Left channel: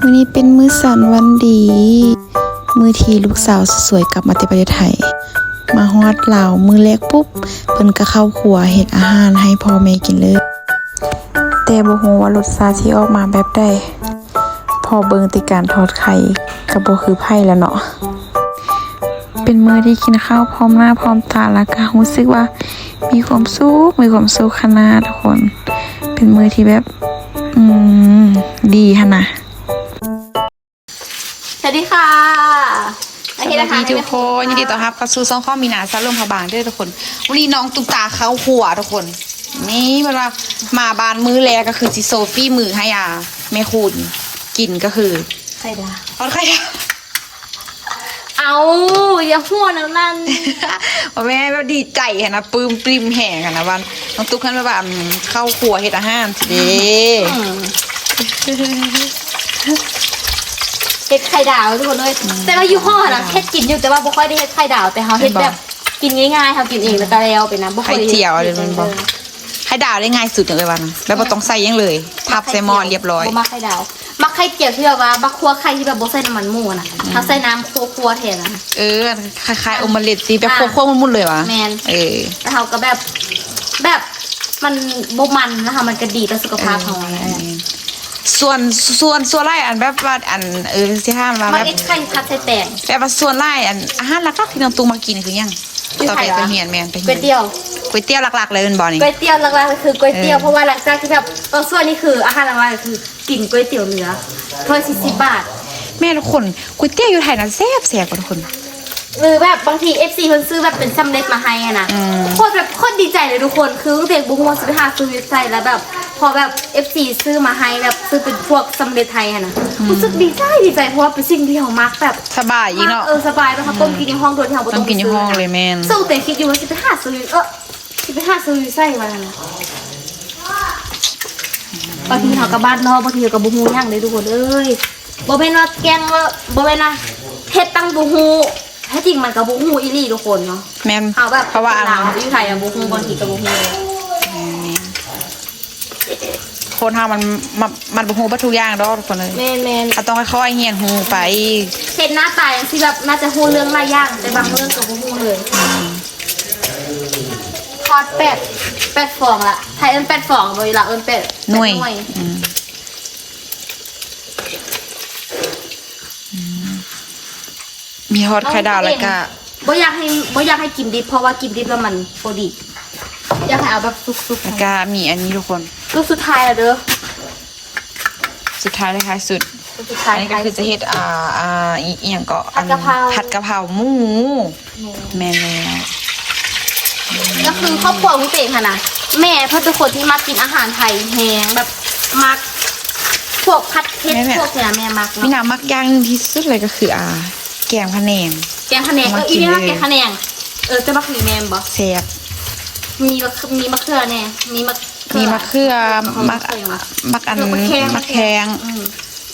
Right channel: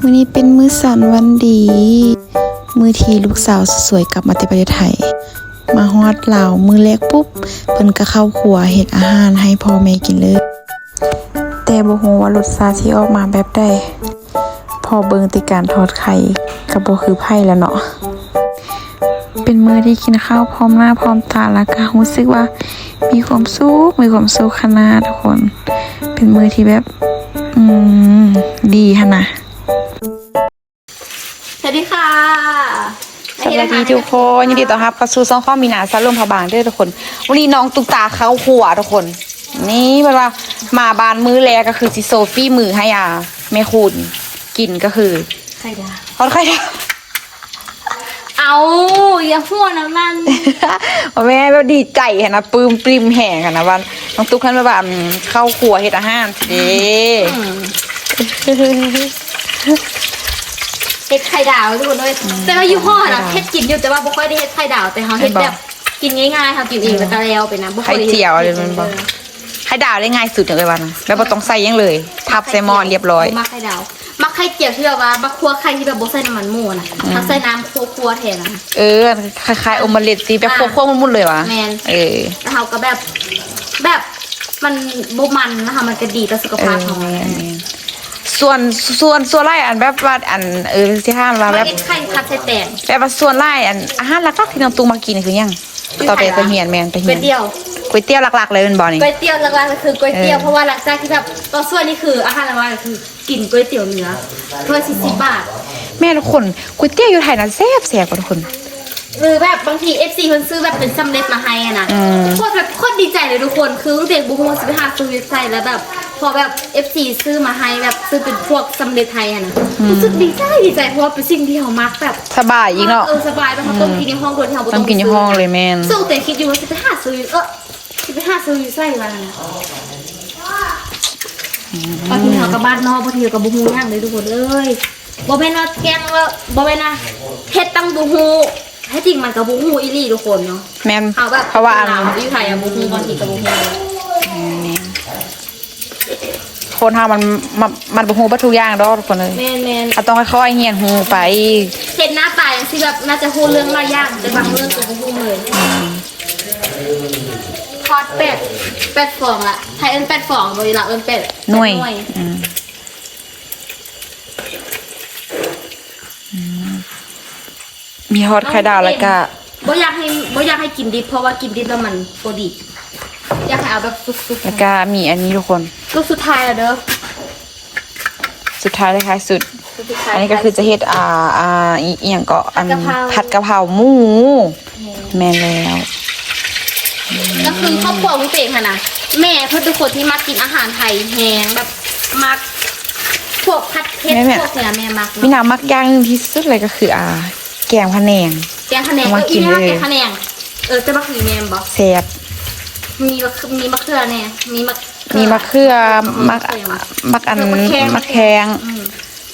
มื้อนี้เป็นมื้อสันวันดี มื้อที่ลูกสาวสวยกลับมาแต่ประเทศไทย มาฮอดลามื้อแรกปุ๊บเพิ่นก็เข้าครัวเฮ็ดอาหารให้พ่อแม่กินเลย แต่บ่ฮู้ว่ารสชาติที่ออกมาแบบใดพอเบิงต่การทอดไข่ก็บ่คือไผแล้วเนาะเป็นมื้อที่กินข้าวพร้อมหน้าพร้อมตาแล้วก็รู้สึกว่ามีความสุขมีความสุขขนาดทุกคน เป็นมื้อที่แบบ อืม ดีฮะนะ ดีทุกคนยินดีต้อนรับเข้าสู่ช่องข้อมีหนาซาลมพะบางด้วยทุกคน วันนี้น้องตุ๊กตาเข้าครัวทุกคน นี่มันว่ามาบานมื้อแรกก็คือจิโซฟี่มือให้อะแม่คุณกินก็คือใครดาทอดไข่ดาวเอาอย่าหัวนังนั่นว่าแม่แบบดีใจเห็นนะปลื้มปริมแห่กันนะวันน้องตุ๊กขันแบบอืมเข้าครัวเฮ็ดอาหารสิเด้ เฮ็ดไข่ดาวทุกคนเลยแต่ว่ายี่ห้อนะเฮ็ดกินอยู่แต่ว่าบ่ค่อยได้เฮ็ดไข่ดาวแต่เขาเฮ็ดแบบกินง่ายๆค่ะกินเองแล้วก็แล้วไปนะบ่ค่ไข่อยได้ฮ็ดเจียวอะไรมันบอกไข่ดาวได้ง่ายสุดเลยวันนะแล้วบ่ต้องใส่หยังเลยทับใส่หม้อเรียบร้อย บ่มักไข่ดาวมักไข่เจียวที่แบบว่าบักคั่วไข่ที่แบบบ่ใส่น้ำมันหมูนะถ้าใส่น้ำคั่วๆแทนนะ เออคล้ายๆโอมาเลตตีแบบอ่าควบๆมุนๆเลยวะแม่นเออ แล้วเขาก็แบบแบบมันบ่มันนะคะมันก็ดีต่อสุขภาพของเรา ส่วนส่วนส่วนไล่อันแบบว่าอันเออที่ห้ามว่าไม่แบบได้ไข่พัดใส่แตงแบบว่าส่วนไล่อันอาหารหลักๆที่น้องตุ้งมากินคือหยังอยู่ต่อไปไหนวะเป็นเหียนแมนเป็นก๋เหีวยยนเตี๋ยวก๋วยเตี๋ยวหลักๆเลยเป็นบ่อนี่ ก๋วยเตี๋ยวหลักๆก็คือก๋วยเตี๋ยวเออ เพราะว่าหลังจากที่แบบตอนส่วนนี้คืออาหารหลักๆก็คือกินก๋วยเตี๋ยวเนื้อถ้วยสี่สิบบาทแม่ทุกคนก๋วยเตี๋ยวอยู่ไทยนั้นแซ่บแซ่บกว่าทุกคน หรือแบบบางทีเอฟซีคนซื้อแบบเป็นสำเร็จมาให้อะนะอืม โคตรแบบโคตรดีใจเลยทุกคนคือเด็กบุ้งวันสิบห้าซื้อเว็บไซต์แล้วแบบ พอแบบเอฟซีซื้อมาให้แบบซื้อเป็นพวกสำเร็จไทยอะนะรู้สึกดีใจดีใจเพราะว่าเป็นสิ่งที่เรามักแบบสบายอีกเนาะ เออสบายเพราะเขาต้มกินในห้องโดยที่เราบ่ต้ต้อองงกินในห้องเลยแม่นสู้แต่คิดอยู่ว่าสิบห้าซื้อเออสิบห้าซื้อใส่วันนี้บางทีเขากับบ้านนอกบางทีเขากับบุฮูย่างเลยทุกคนเอ้ยบ่แม่นว่าแกงว่าบ่แม่นว่าเฮ็ดตั้งบุฮู แท้จริงมันกับบุฮูอีหลีทุกคนเนาะแม่นเอาแบบเพราะว่าอันลาวอยู่ไทยอะบุฮูบางทีกับบุฮูเลยคนเฮามันมันมันบ่ฮู้บ่ทุกอย่างดอกทุกคนเลยแม่นแม่นเอาต้องค่อยๆเฮียนฮู้ไปเห็นหน้าตาอย่างที่แบบน่าจะฮู้เรื่องหลายอย่างแต่บางเรื่องกับบุฮูเลยทอดเป็ดเป็ดฟองละไทยเอิ้นเป็ดฟองบ่ดีละเอิ้นเป็ดหน่วย เป็ด อืมอืมมี ฮอตไข่ดาวแล้วก็บ่อยากให้บ่อยากให้กินดิบเพราะว่ากินดิบแล้วมันบ่ดีอยากให้เอาแบบสุกแล้วก็มีอันนี้ทุกคนๆลูกสุดท้ายแล้วเด้อสุดท้ายเลยค่ะสุดลูกสุดท้ายอันนี้ก็คือจะเฮ็ดอ่าอ่าอีอหย่างก็อันผัผัดดกะกะเพเพราราหมูแม่นแล้วก็คือครอบครัวของเตงค่ะนะแม่เพิ่นเป็นคนที่มักกินอาหารไทยแฮงแบบมักพวกผัดเผ็ดพวกเนี่ยแม่มักมีเนาะน้ำมักอย่างหนึงที่สุดเลยก็คืออ่า แกงพะแนง แกงคะแนนมาเออกิอีนเรียกว่าเลย แกงคะแนนเออจะมักมีแม่นบ่แซ่บมีมะมีมะเขือแน่มีมะมีมะเขือมักมักอันมะแขงมะแข็งอืม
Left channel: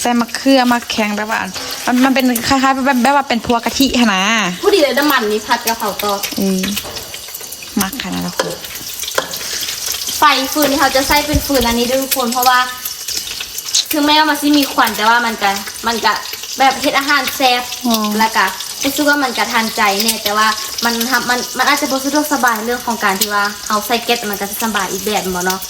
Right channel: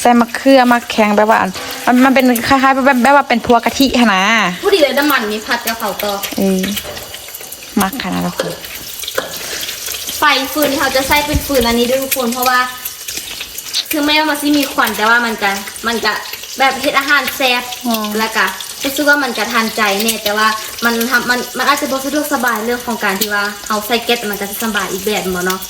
ใส่มะเขือมะแข็งแบบว่าอันมันมันเป็นคล้ายๆแบบแบบว่าเป็นพัวกะทิหั่นนะผู้ดีเลยน้ำมันนี่ผัดกะเพราต่อเออมักขนาดนั้นทุกคนไฟฟืนที่เขาจะใช้เป็นฟืนอันนี้ด้วยทุกคนเพราะว่าถึงแม้ว่ามันสิมีควันแต่ว่ามันจะมันจะ แบบเฮ็ดอาหารแซ่บแล้วก็รู้สึกว่ามันจะทันใจเนี่ยแต่ว่ามันทำมันมันอาจจะบ่สะดวกสบายเรื่องของการที่ว่าเอาใส่แก๊สมันจะสบายอีกแบบบ่เนาะ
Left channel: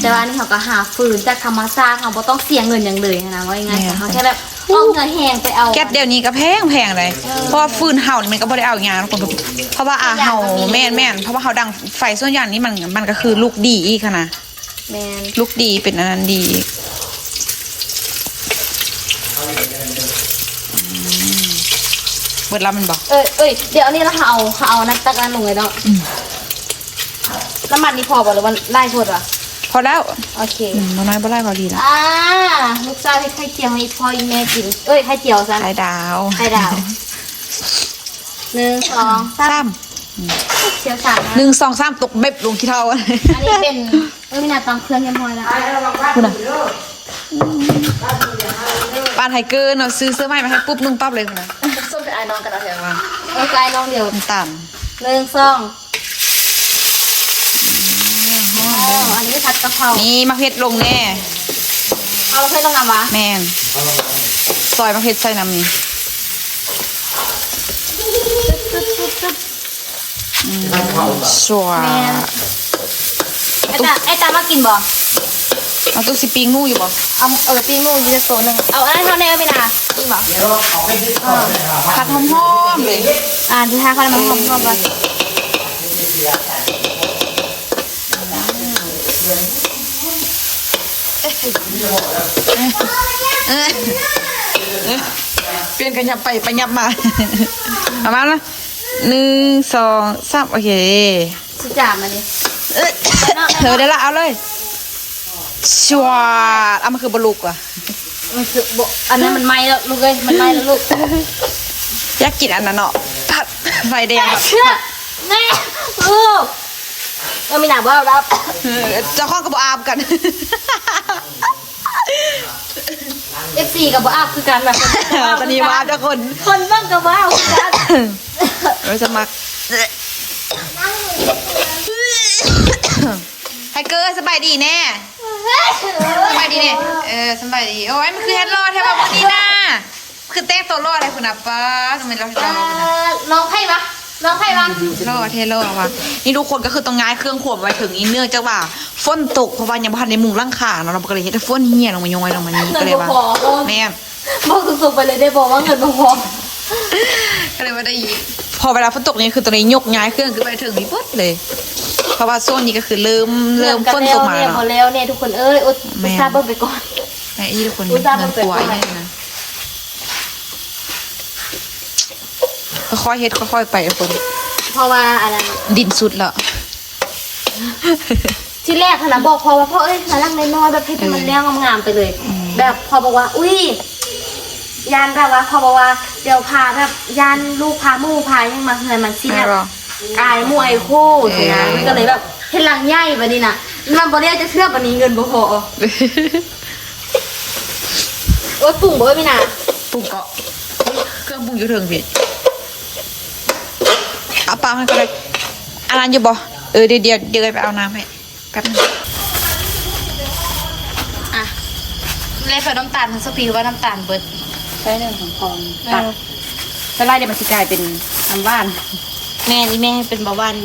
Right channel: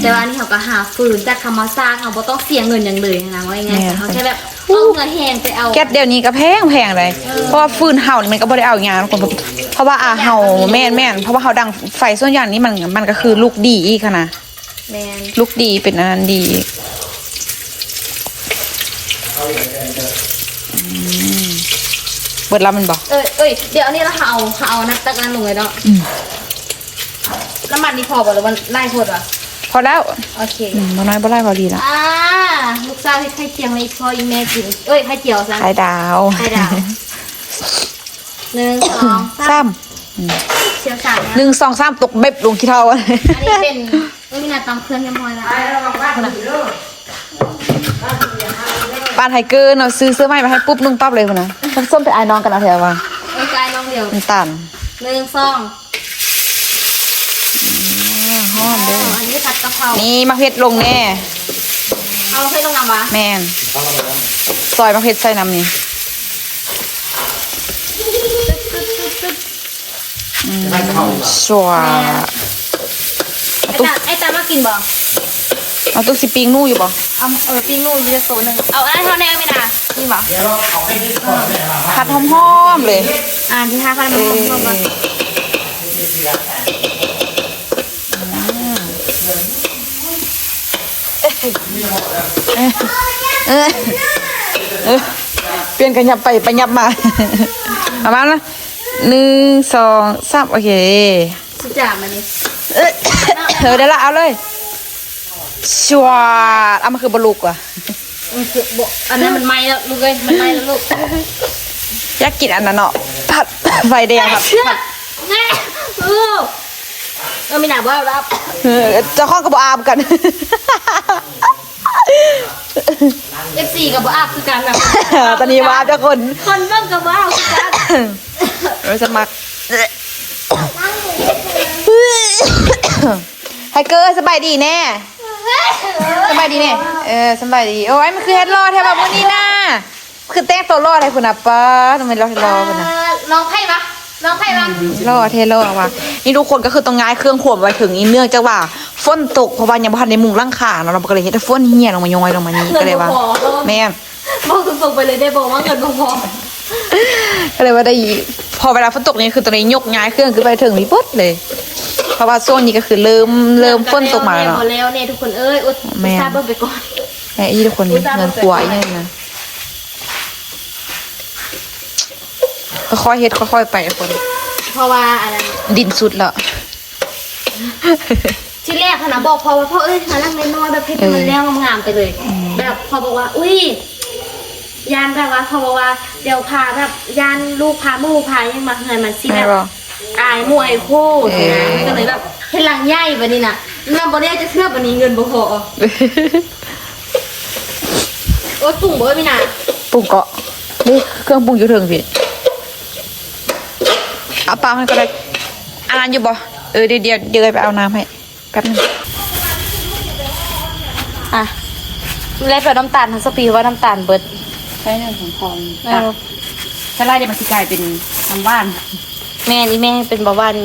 แต่ว่าอันนี่เขาก็หาฟืนจากธรรมชาติเขาบ่ต้องเสียเงินอย่างเลยนะว่ายังไงแต่เขาแค่แบบเอาเงินแหงไปเอาแก๊สเดี๋ยวนี้ก็แพงแพงเลย เพราะว่าฟืนเห่านี่มันก็บ่ได้เอาอย่างทุกคนเพราะว่าอ่าเห่าแม่นแม่นเพราะว่าเห่าดังไฟส่วนใหญ่นี่มันมันก็คือลูกดีอีกค่ะนะแมนลูกดีเป็นอันนั้นดีอืม เบิดลำมันบอกเอ้ยเอ้ยเดี๋ยวอันนี้เราเอาเอานักตะการลงเลยเนาะน้ำมันนี่พอบ่หรือมันไล่โพดวะพอแล้ว โอเคอืมบ่น้อยบ่ไล่บ่ดีละอ่าลูกสาวให้ไข่เจียวให้พ่ออีแม่กิน เอ้ยไข่เจียวซะไข่ดาวไข่ดาวหนึ่งสองสาสามมเชียวสามนะหนึ่งสองสามตกเบ็บลงขี้เท่าอันนี้เป็นเอ้ยน่าตำเครื่องยังพอแล้วปานไทเกอร์เนาะซื้อเสื้อใหม่มาให้ปุ๊บนุ่งปั๊บเลยคุณนะทั้งส้มเป็นไอ้น้องกันเอาเถอะว่าเอ้ยกายลองเดี๋ยวน้ำตาลหนึ่งสองห้อมเด้ออันนี้ผัดกะเพรานี่มะเพ็ดลงแน่เอาลงไปต้องนำวะแม่นซอยมะเขือใส่น้ำนี่ชัวไอ้ตาไอ้ตามากินบ่ เอาตุ๊กสิปิงนู่อยู่บ่เอาเออปิ้งลูกยืดโซนึงเอาอะไรเท่านี้ก็ไม่นากินบ่ผัดหอมๆเลย อ่าที่ห้าเขามันหอมหอมมาเออเออเปลี่ยนกันยับไปไปยับมาประมาณนะหนึ่งสองสามโอเคสุดจ่ามาดิ เอ้ยเออได้ละเอาเลย ชวดเอามาคือบลูกว่ะมันคือบ่อันนั้นมันไหม้แล้วลูกเอ้ยมันไหม้แล้วลูกอยากกินอันนั้นเนาะผัดไฟแดงผัดเชื่อแม่ลูกเราไม่หนาบ่รับเออเจ้าข้องกับอาบกันเอฟซีกับบ่อาบคือกันแบบตอนนี้ว่าเจ้าคนคนเบ้างกับบ่อาบคือกันเราจะมักไฮเกอร์สบายดีแน่ สบายดีเนี่ยเออสบายดีโอ้ยมันคือเฮ็ดรอแท้แบบวันนี้นะคือแต่งตัวรอให้คุณอะป้าทำไมรอเฮ็ดรอคุณอะน้องให้ปะน้องให้ปะรอเทรอว่ะนี่ทุกคนก็คือต้องง่ายเครื่องขวบไว้ถึงอีเนื่องจากว่าฝนตกเพราะว่ายังบ่ทันได้มุงร่างขาเนาะเราก็เลยเฮ็ดให้ฝนเหี่ยลงมาย้อยลงมานี่ก็เลยว่าแม่นบอกตรงๆไปเลยได้บอกว่าเงินบ่พอก็เลยว่าได้พอเวลาฝนตกนี่คือตัวนี้ยกย้ายเครื่องขึ้นไปถึงนี่เบิดเลย เพราะว่าช่วงนี้ก็คือเริ่มเริ่มฝนตกมาแล้วหมเนาะดแล้วเนี่ยทุกคนเอ้ยอุตแม่ส่าห์เบิ่งไปก่อนแม่อีทุกคนอุ๊ยจ้าเงินกลัวอีนี่นะค่อยๆเฮ็ดค่อยๆไปทุกคน เพราะว่าอะไรนะดินสุดแล้วที่แรกขนาดบอกพอว่าพ่อเอ้ยมาลังน้อยๆแบบให้มันแล้วงามๆไปเลย แบบพอบอกว่า อุ้ยยานแบบว่าพอบอกว่าเดี๋ยวพาแบบยานลูกพาหมู่พายังมาเงินมันสิแม่แบบร ออายมวยคู่สินะเออมันก็เลยแบบให้ลังใหญ่แบบนี้น่ะมันบ่ได้จะเชื่อแบบนี้เงินบ่พอโอ๊ยปุ่งบ่พี่น่ะปรุงเกาะนี่เครื่องปรุงอยู่ถึงพี่เอาปลาให้ก็ได้อาน้ำอยู่บ่เออเดี๋ยวเดี๋ยวเดี๋ยวไปเอาน้ำให้แป๊บนึงอะเล่นแบบน้ำตาลทั้งสปีว่าน้ำตาลเบิดใช้เรื่องของทองเอตักอจะไล่เดี๋ยวมันสิกลายเป็นน้ำบ้าน แม่นี่แม่เป็นเบาหวาน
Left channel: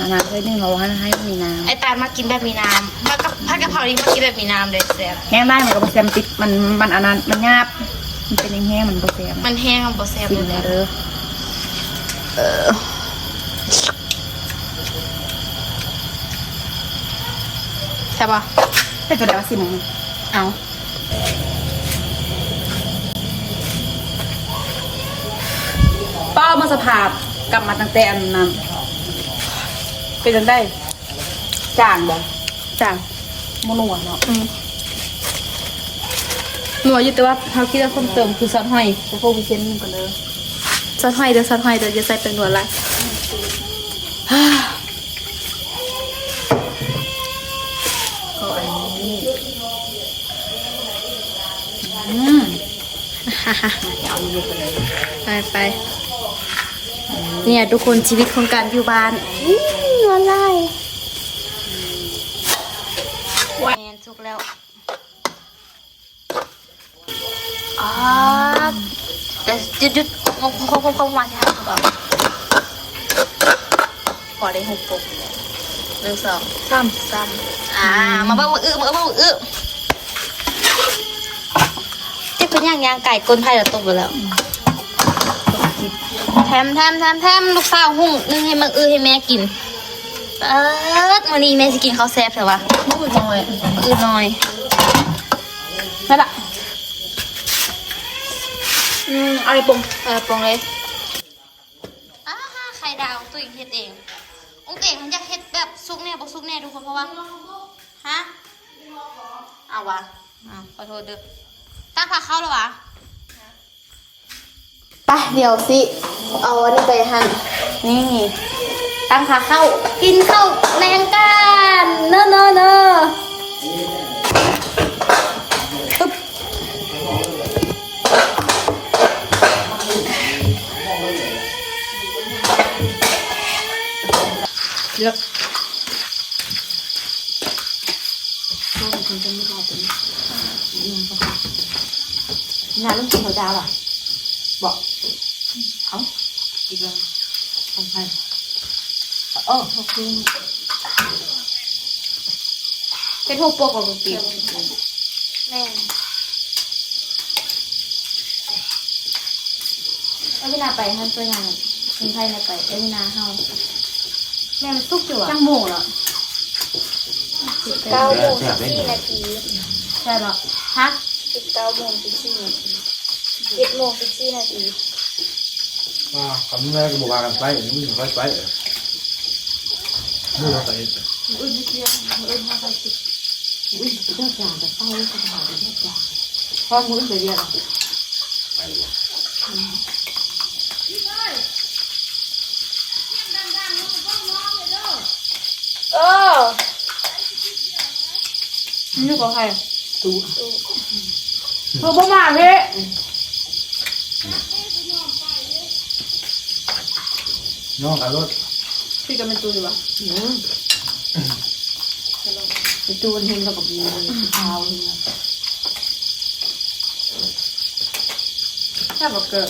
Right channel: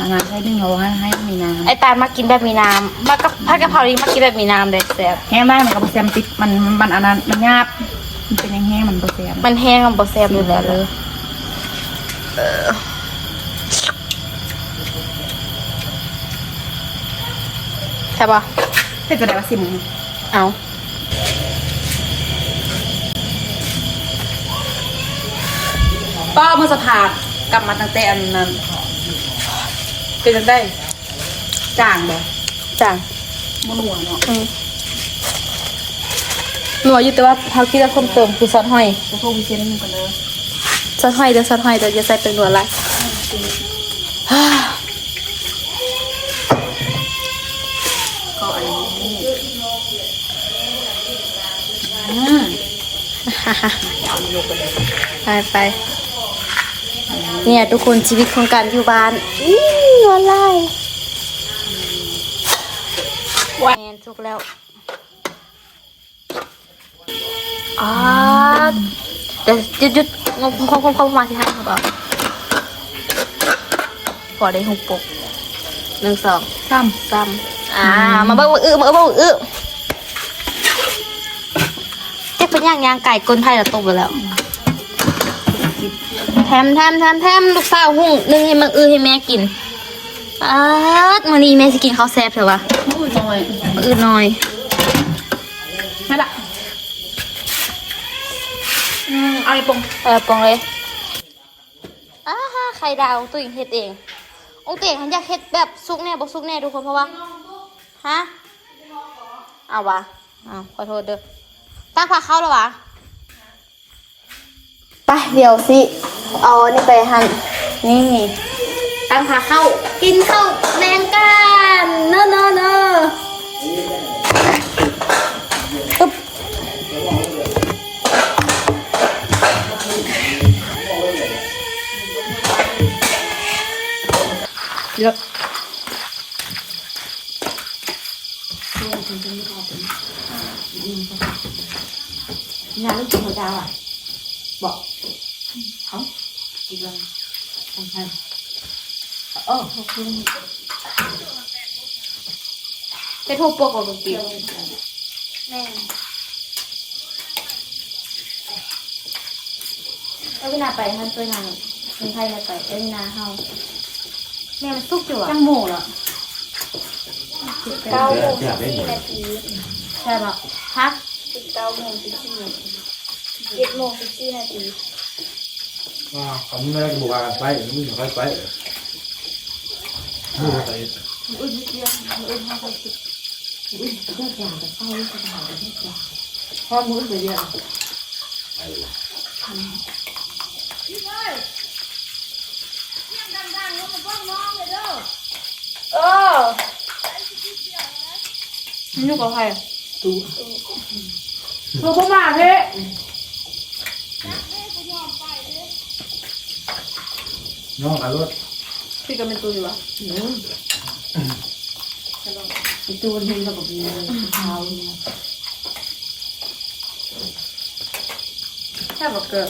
อันนั้นใช้เรื่องเราให้ให้มีน้ไอตาลมากินแบบมีน้ำมากับผัดกะเพรานี่มากินแบบมีน้ำเลยแซ่บำแห้งได้มันก็บ่แซมติดมันมันอันนั้นมันงาบมันเป็นแห้งๆมันบ่แซมมันแห้งมันบ่แซ่บอยู่แล้วเออเออใช่ปะแต่ก็ได้ว่าสิมึงเอา ป้ามันสภาพกลับมาตั้งแต่อันนั้นเป็นจังได้จ้างบ่จังมนัวเนาะอืมหนัวอยู่แต่ว่าเขาคิดว่าเพิ่มเติมคือซอสหอยกูโทรไปเซ็นมึงกันเลยซอสหอยเดี๋ยวซอสหอยเดี๋ยวจะใส่เป็นหนัวอะไรก็อันนี้อืมไปไป เนี่ยทุกคนชีวิตของการอยู่บ้านอื้อหนัวไล่แมนสุกแล้วอ่าเดี๋ยวหยุดหยุดงงงงงงมาที่ห้างครับพอได้หกปุกหนึ่งสองซ้สามอ่ามาเบิ้งอื้อมาเบิ้งอื้อเอ๊ะเป็นย่างย่างไก่ก้นไทยละตกไปแล้ว มแถมแถมแถมลูกสาวหุ่งนึงให้มันอื้อให้แม่กินเออวันนี้แม่จะกินข้าวแซ่บเถอะวะำมือจังเลยอื้อหน่อยใช่ละอืมอะไรปงเออปองเลยอ้าฮ่าไข่ดาวตัวเองเฮ็ดเององค์เต่งฉันอยากเฮ็ดแบบซุกแน่บ่ซุกแน่ทุกคนเพราะว่าฮะเอาวะอ้าวขอโทษเด้อตั้งฝาเข้าแล้ววะ ไปเดี๋ยวสิเอาอันนี่ไปหันนี่ตั้งขาเข้ากินข้าวแมงกันเนอะเนอะเนอะ อีกแล้วทำไมเออขอบคุณเป็นโฮโปกกับกิ๊บแม่เอาเวลาไปท่านไปงานคนไทยไปเอ็นนาเฮาแม่มันสุกอยู่อะจังโม่ละเก้าโมงสี่นาทีใช่ปะพักสิบเก้าโมงสิบสี่เจ็ดโมงสิบสี่นาที อ่าคำนี้ก็บอกว่ากันไปมึงค่อยไปมือเราไปอุ้ยเสียอุ้ยห้าสิบอุ้ยเลือกอย่างจะเศร้าจะหาเลือกอย่างพอมือจะเรียกไปวะเออนี่อยู่กับใครตูเธอบ่มาเพ่ น้องขับรถพี่กับเป็นตูอยู่อะไอตูนเห็นกับมีเท้าเห็นแค่บอกเกิด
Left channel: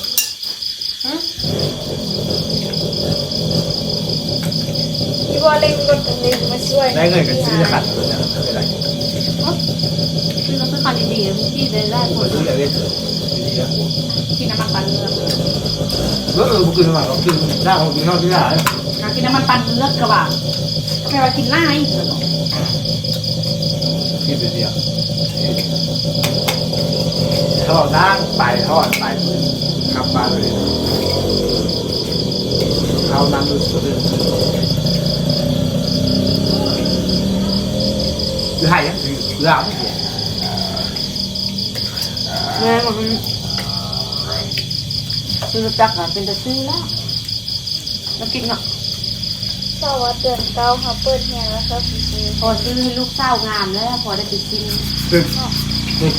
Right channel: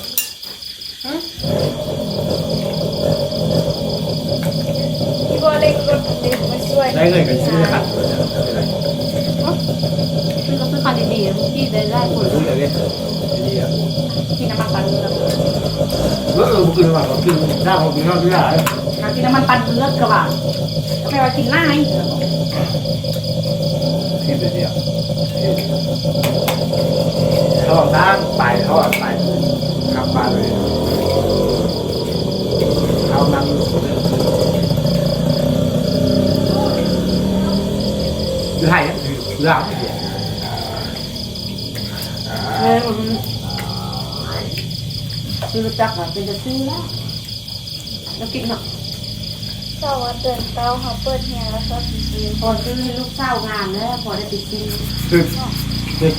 พี่บอลเล่นรถเล่นมาช่วยได้เงินกันซื้อจะขัดรถเนี่ยไม่เป็นไรคือก็คือคันดีๆที่ได้ได้ผลซื้ออย่างนี้ดีอะที่น้ำมันปั่นเลือก เออเออบุกขึ้นมาขึ้นหน้าของกินนอกที่ไหนการกินน้ำมันปั่นเลือกกระบะทำไมว่ากินหน้าอีกเหรอที่เป็นเดียวเขาบอกนั่งไปเขาอะไปขับมาเลยเขานั่งดูสุดเลยคือให้ยังคือคือเอาไม่เสียแม่มันซื้อจักอะเป็นจะซื้อแล้วแล้วกินเนาะเช้าวัดเดือนเก้าเขาเปิดแห่แล้วครับพอซื้อให้ลูกเศร้างานแล้วพอได้ไปกินคือคือ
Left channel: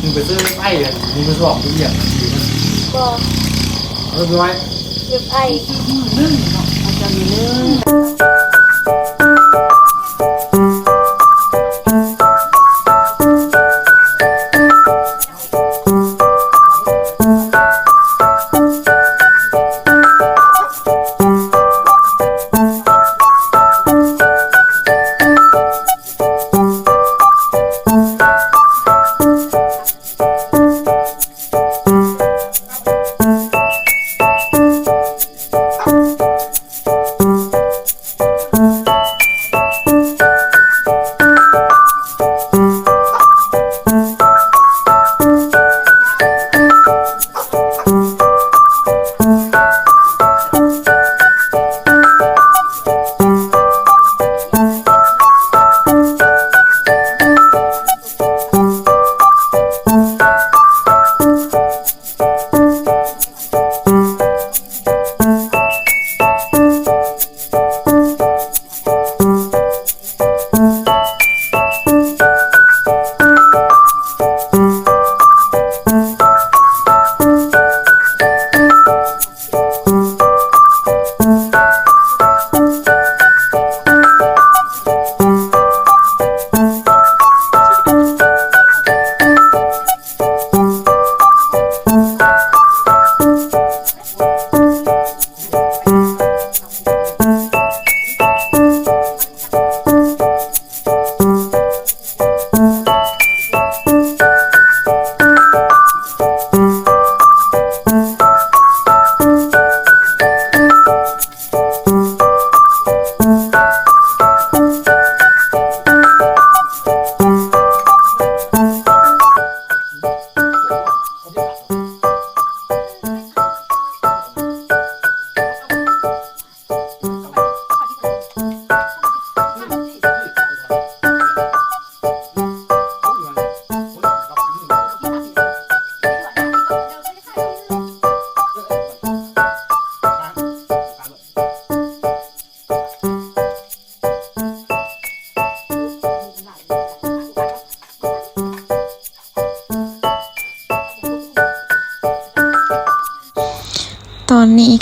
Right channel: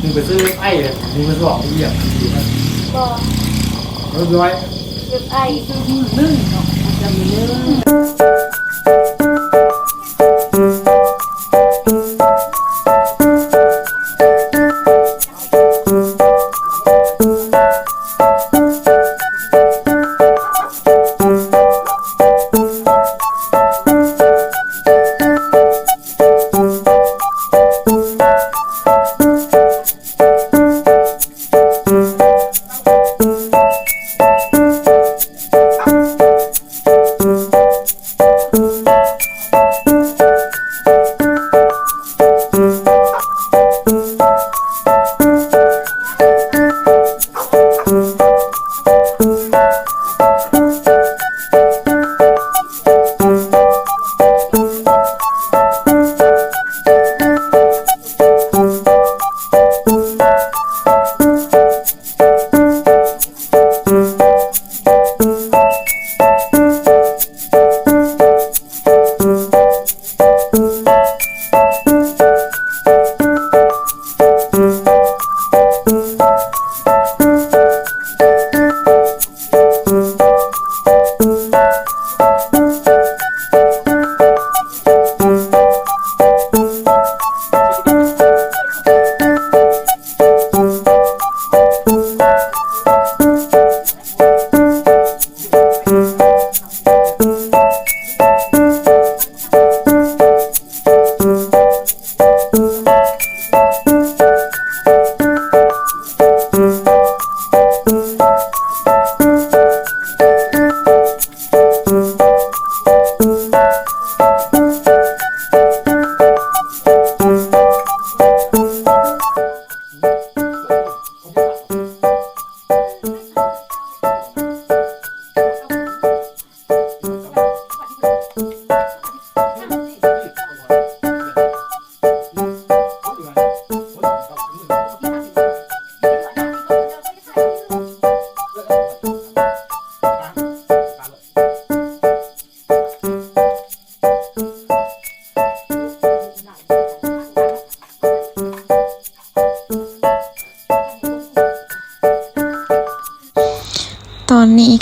มึงไปซื้อไอ้มึงไปสอบมึงเหยียบทันทีมันก็เรียบร้อยเรียบไอซื้อมือนึ่งเนาะอาจจะมีนึ่ง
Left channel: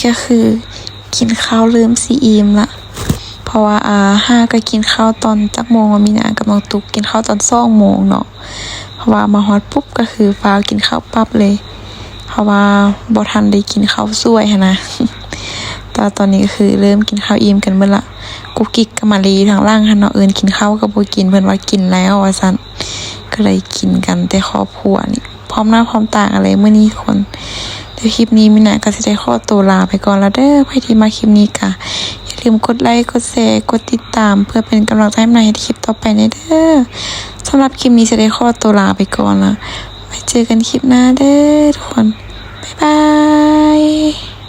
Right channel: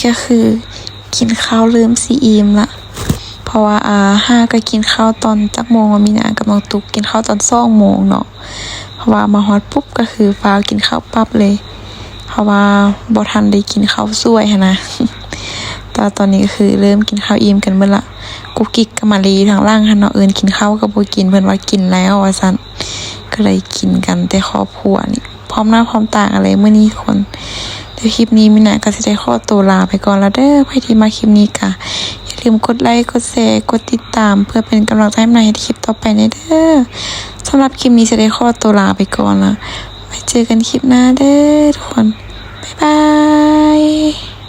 ก็คือ กินข้าวลืมซีอิมละเพราะว่าอาห้าก็กินข้าวตอนจักโมงมีนากับน้องตุกกินข้าวตอนสองโมงเนาะเพราะว่ามาฮอดปุ๊บก็คือฟ้าวกินข้าวปั๊บเลย เพราะว่าบ่ทันได้กินข้าวสวยนะแต่ตอนนี้ก็คือเริ่มกินข้าวอิ่มกันเมื่อละกุ๊กกิ๊กกับมารีทางล่างหันเนาะเอิญกินข้าวกับบกินเพิ่นว่ากินแล้วว่าซั่นก็เลยกินกันแต่ครอบครัวนี่พร้อมหน้าพร้อมตาอะไรเมื้อนี้คน ดี๋ยวคลิปนี้มินาก็จะได้ขอตัวลาไปก่อนแล้วเด้อใครที่มาคลิปนี้กะอย่าลืมกดไลค์กดแชร์กดติดตาม เพื่อเป็นกำลังใจให้มินะเฮ็ดคลิปต่อไปในเด้อสำหรับคลิปนี้จะได้ขอตัวลาไปก่อนละไว้เจอกันคลิปหน้าเด้อทุกคนบ๊ายบาย